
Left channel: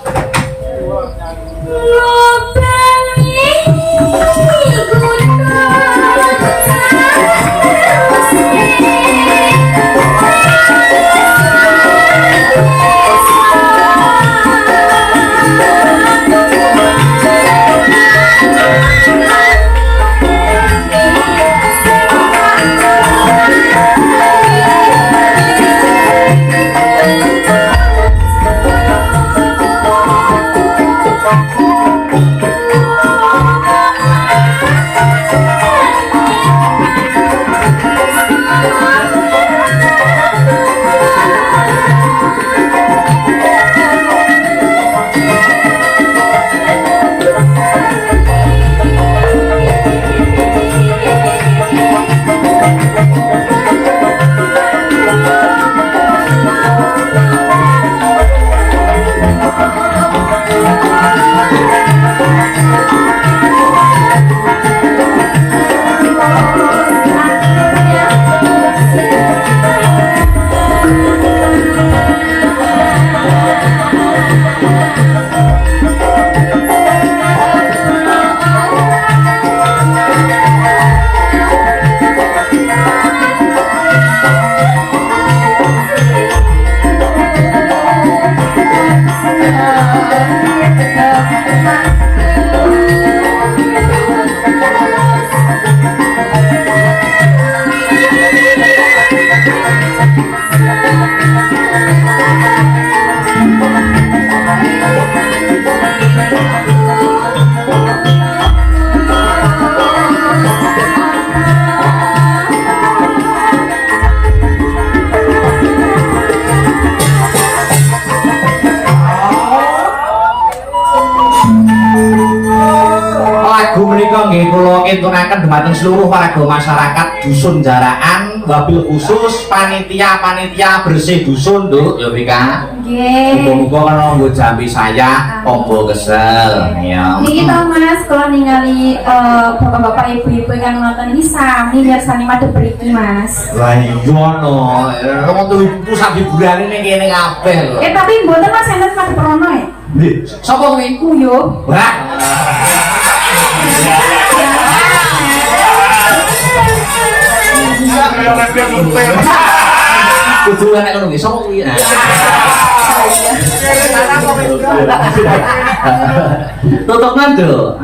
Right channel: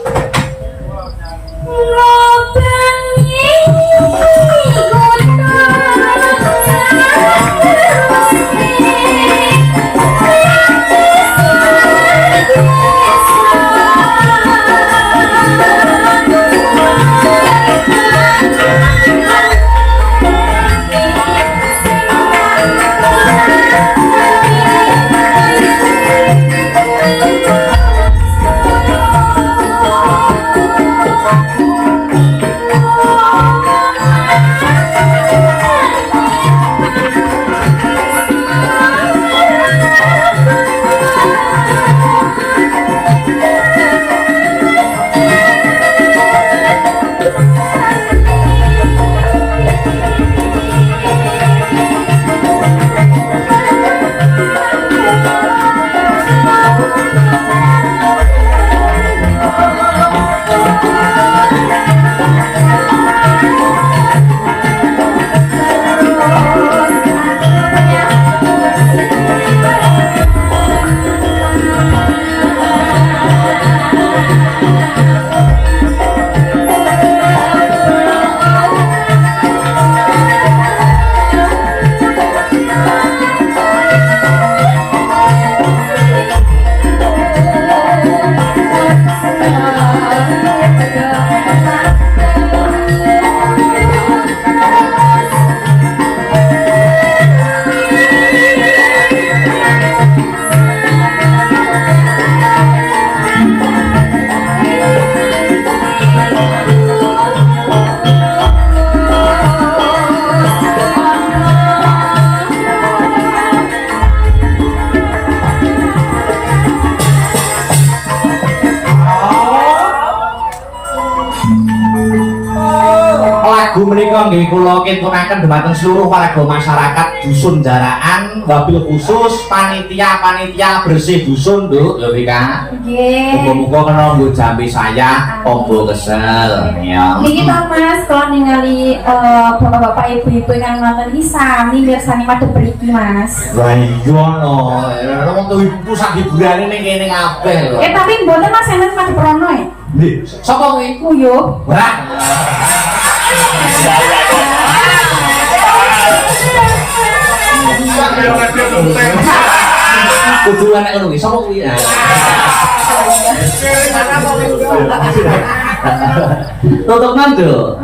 Lagu menika nggih kula kintunaken dhumateng seluruh warga masyarakat dusun Jaraan, wabil khusus panitia bersih dusun, Nduk Yovika. Nggih. Muga-muga kena nggo jambi saya tombo kesel. Ya. Niki to Mas, kalau ningali bapak-bapak ibu-ibu yang nonton ini sami mirsani madhep mriki Mas. Lah iya no, wong tuh pusat hiburan ini kene kabeh lho. Tapi mboten Mas enten madhep rono ya. Nggih, sapa kuwi? Kuyo. Wah. Kudu ana ngono kuwi, sapa kuwi? Tutup nando.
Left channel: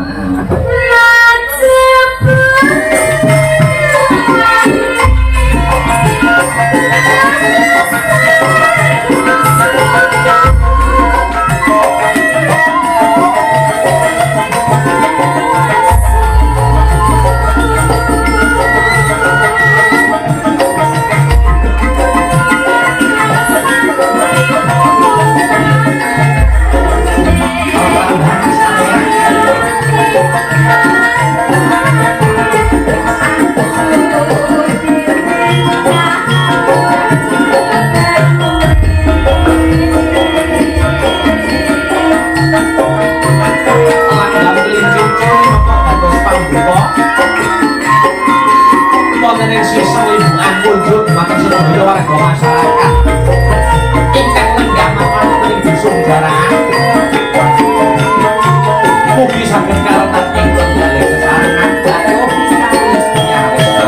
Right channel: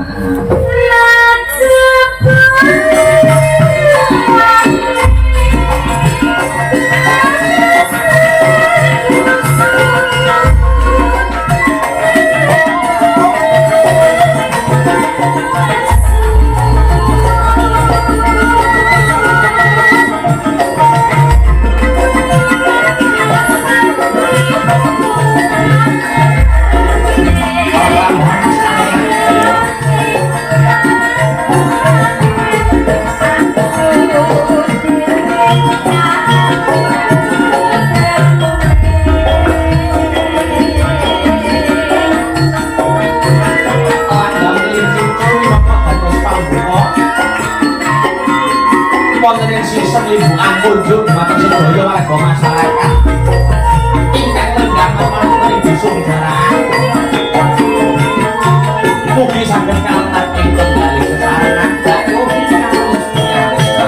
Sistem liburan kunjung makan sedaya warga masyarakat ingkang lenggah wonten ing dusun Jaraan. Mugi saged karetan ing tenggaling sesarengan bakyo kawis tiyaresta.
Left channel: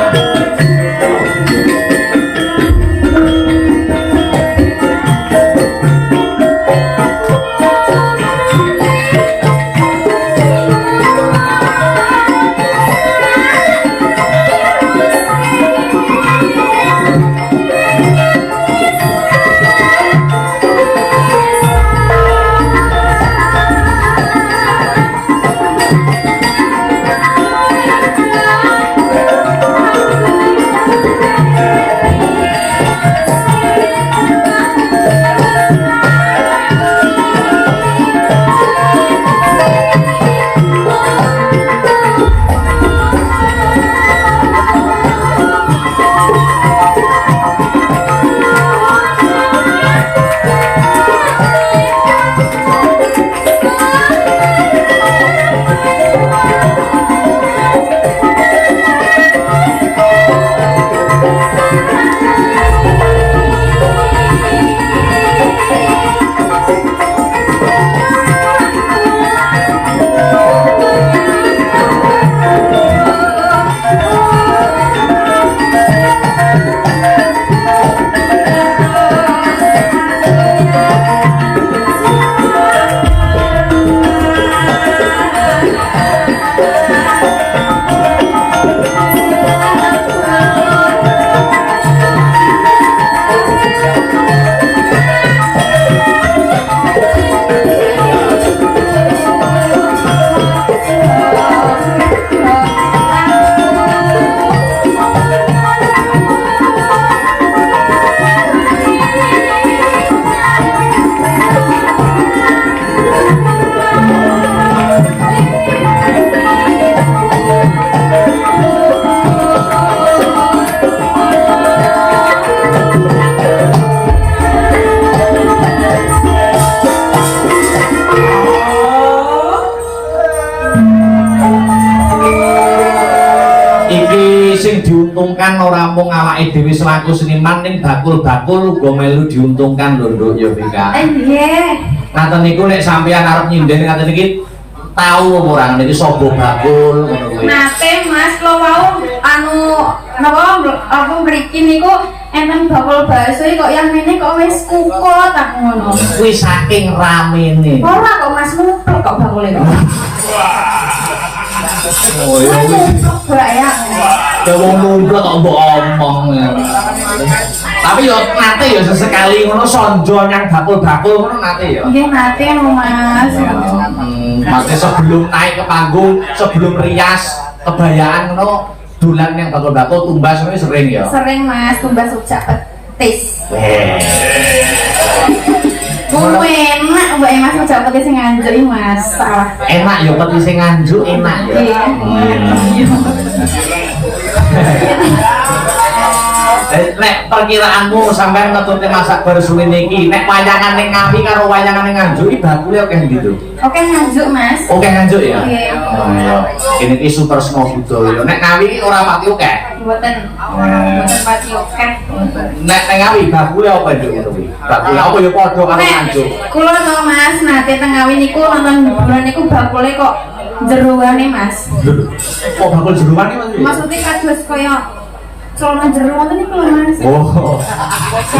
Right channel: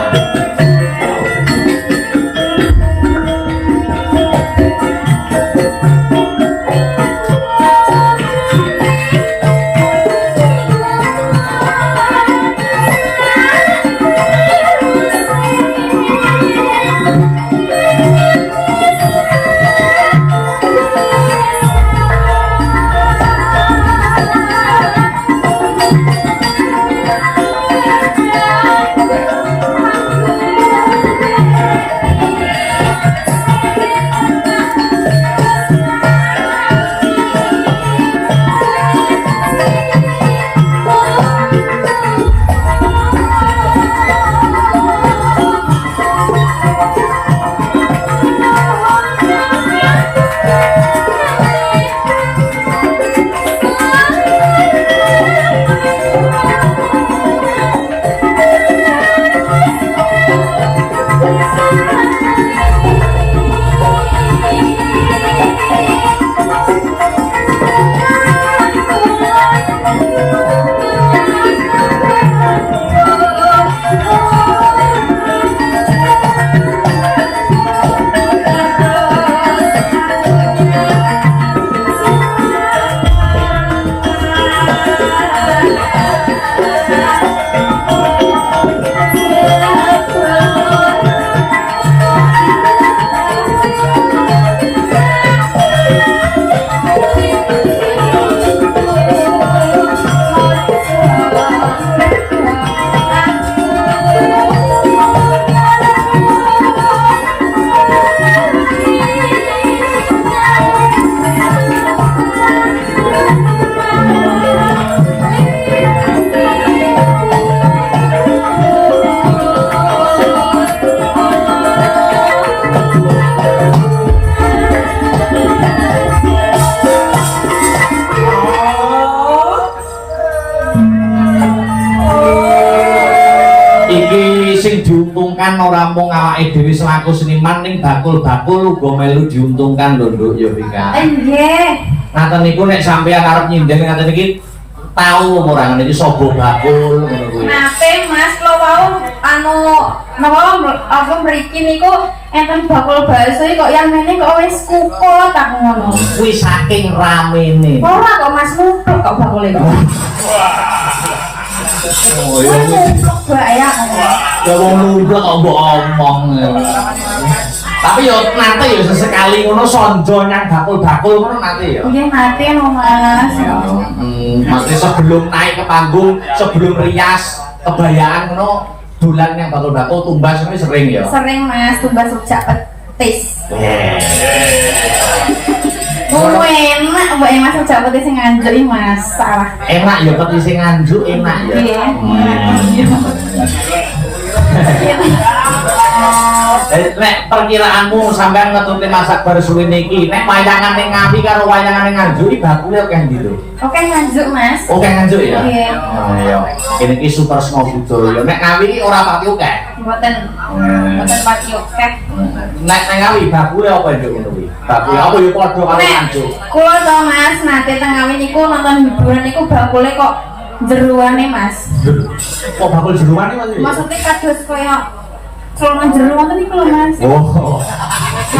Iki sing diuntungkan ora mung awake dhewe selaku seniman ning bakul-bakul uga melu diuntungkan lho Nduk Yovika. Nggih. Ngaten niku nek sampeyan arep nyinden ngaten iki tahu apa ora niki sobo bakul ngono kuwi. Nate Mas kula wau anu napa apa mriki niku enten bakul bakso kok yang mene kok wis kukot aku ngono. Kuwi saking ramene. Ora kok Mas numpuk kok bakule kok. Oh iya. Ya. Ya wong numplek kok mbok omong. Tapi yo nate yo sesekali ngono sonjo nyang bakul-bakul ngono nate yo. Nggih nate no Mas. Mate sebelum naik ke panggung, sebelum rias kebayaan ngono dolan yang bakul-bakul tumbas ini sering ya. Sering Mas tumbas rujak petis. Enak, mbak Mas rujak petis sing nganjuk Mas. Salah. Enak ya petis sing nganjuk enak ya. Nek perkiraanmu sampean ngetute masak bar suwe niki, nek wayangan ning Ngawi karo wayangan ning Nganjuk iki bakule akeh ndi to? Oke nganjuk Mas. Oke Nganjuk ya? Iya. Oh iya. Kene iki super semua budaya. Nek Ngawi ora pati akeh. Mboten. Mboten pati oke. Nek nang Ngawi bakule apa nduk ngono kuwi? Bakule apa ya padha karo Nganjuk. Kula to Mas nate teng Ngawi niku nonton hiburan niku bakule kok jeruane Mas. Kok bakul jeruan iki Mas? Maksudnya kados koyo celana jeruan niku lho Mas. Oh.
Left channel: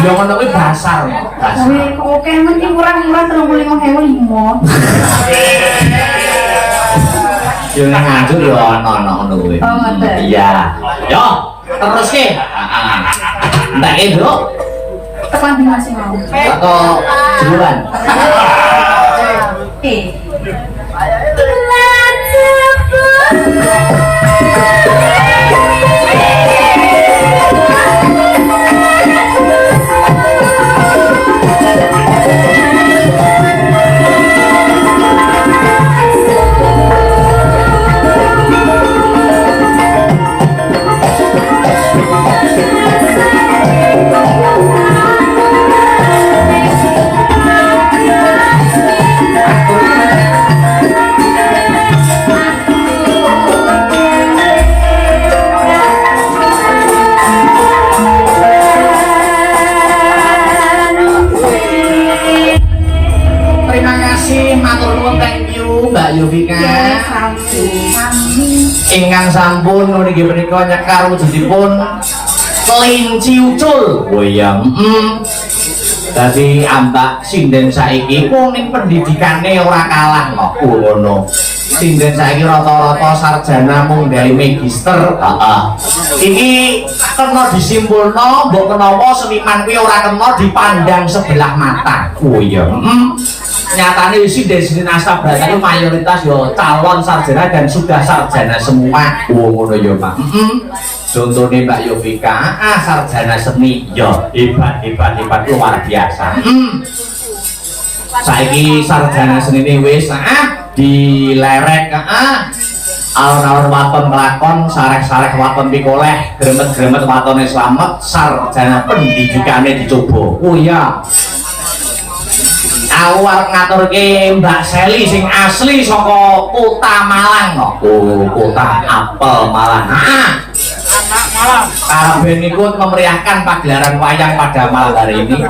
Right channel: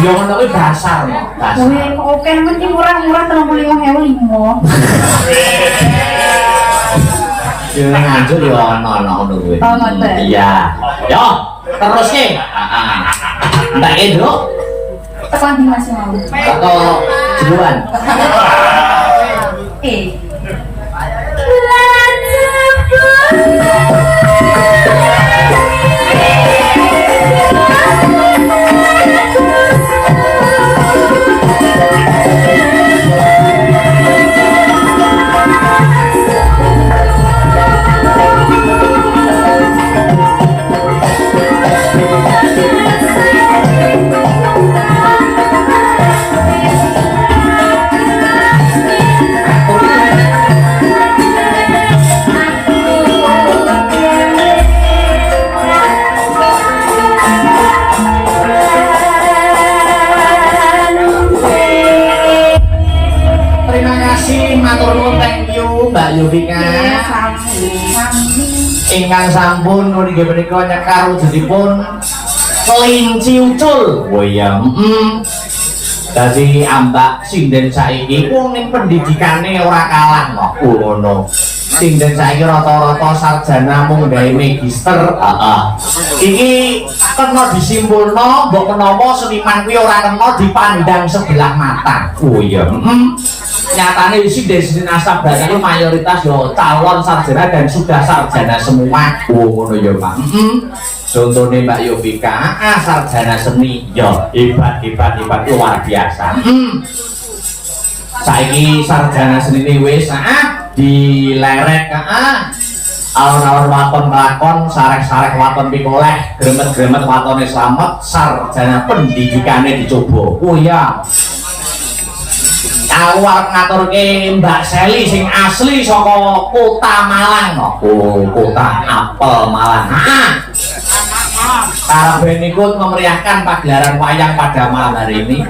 Ya ngono kuwi dasar. Dasar. Wih, kok oke mesti murah-murah 35.005. Yo nang Nganjuk yo ono ngono kuwi. Oh, ngoten. Iya. Yo, teruske. Heeh. Entek e, Nduk. Tekan di Mas mau. Atau jeruan. Oke. Mbak Yovika. Ingkang sampun niki menika nyekar wujudipun kelinci ucul. Oh iya, dadi ambak sinden saiki wong ning pendidikane ora kalah kok ngono. Sinden saiki rata-rata sarjana mung gawe magister. Heeh. Iki kena disimpulno mbok kenapa seniman kuwi ora kena dipandang sebelah mata. Oh iya, nyatanya sinden asap banyak itu mayoritas yo calon sarjana dan sudah sarjana semua. Ngono ya Pak. Contohnya Mbak Yovika, sarjana seni yo hebat luar biasa. Saiki sarjana seni ini wis dilerek alon-alon waton lakon sarek-sarek waton pikoleh gremet-gremet watone slamet sarjana pendidikane dicoba. Oh ya. Aku arep ngaturke Mbak Seli sing asli saka Kota Malang kok. Oh, Kota Apel Malang. Kabeh niku memeriahkan pagelaran wayang pada malam hari ini.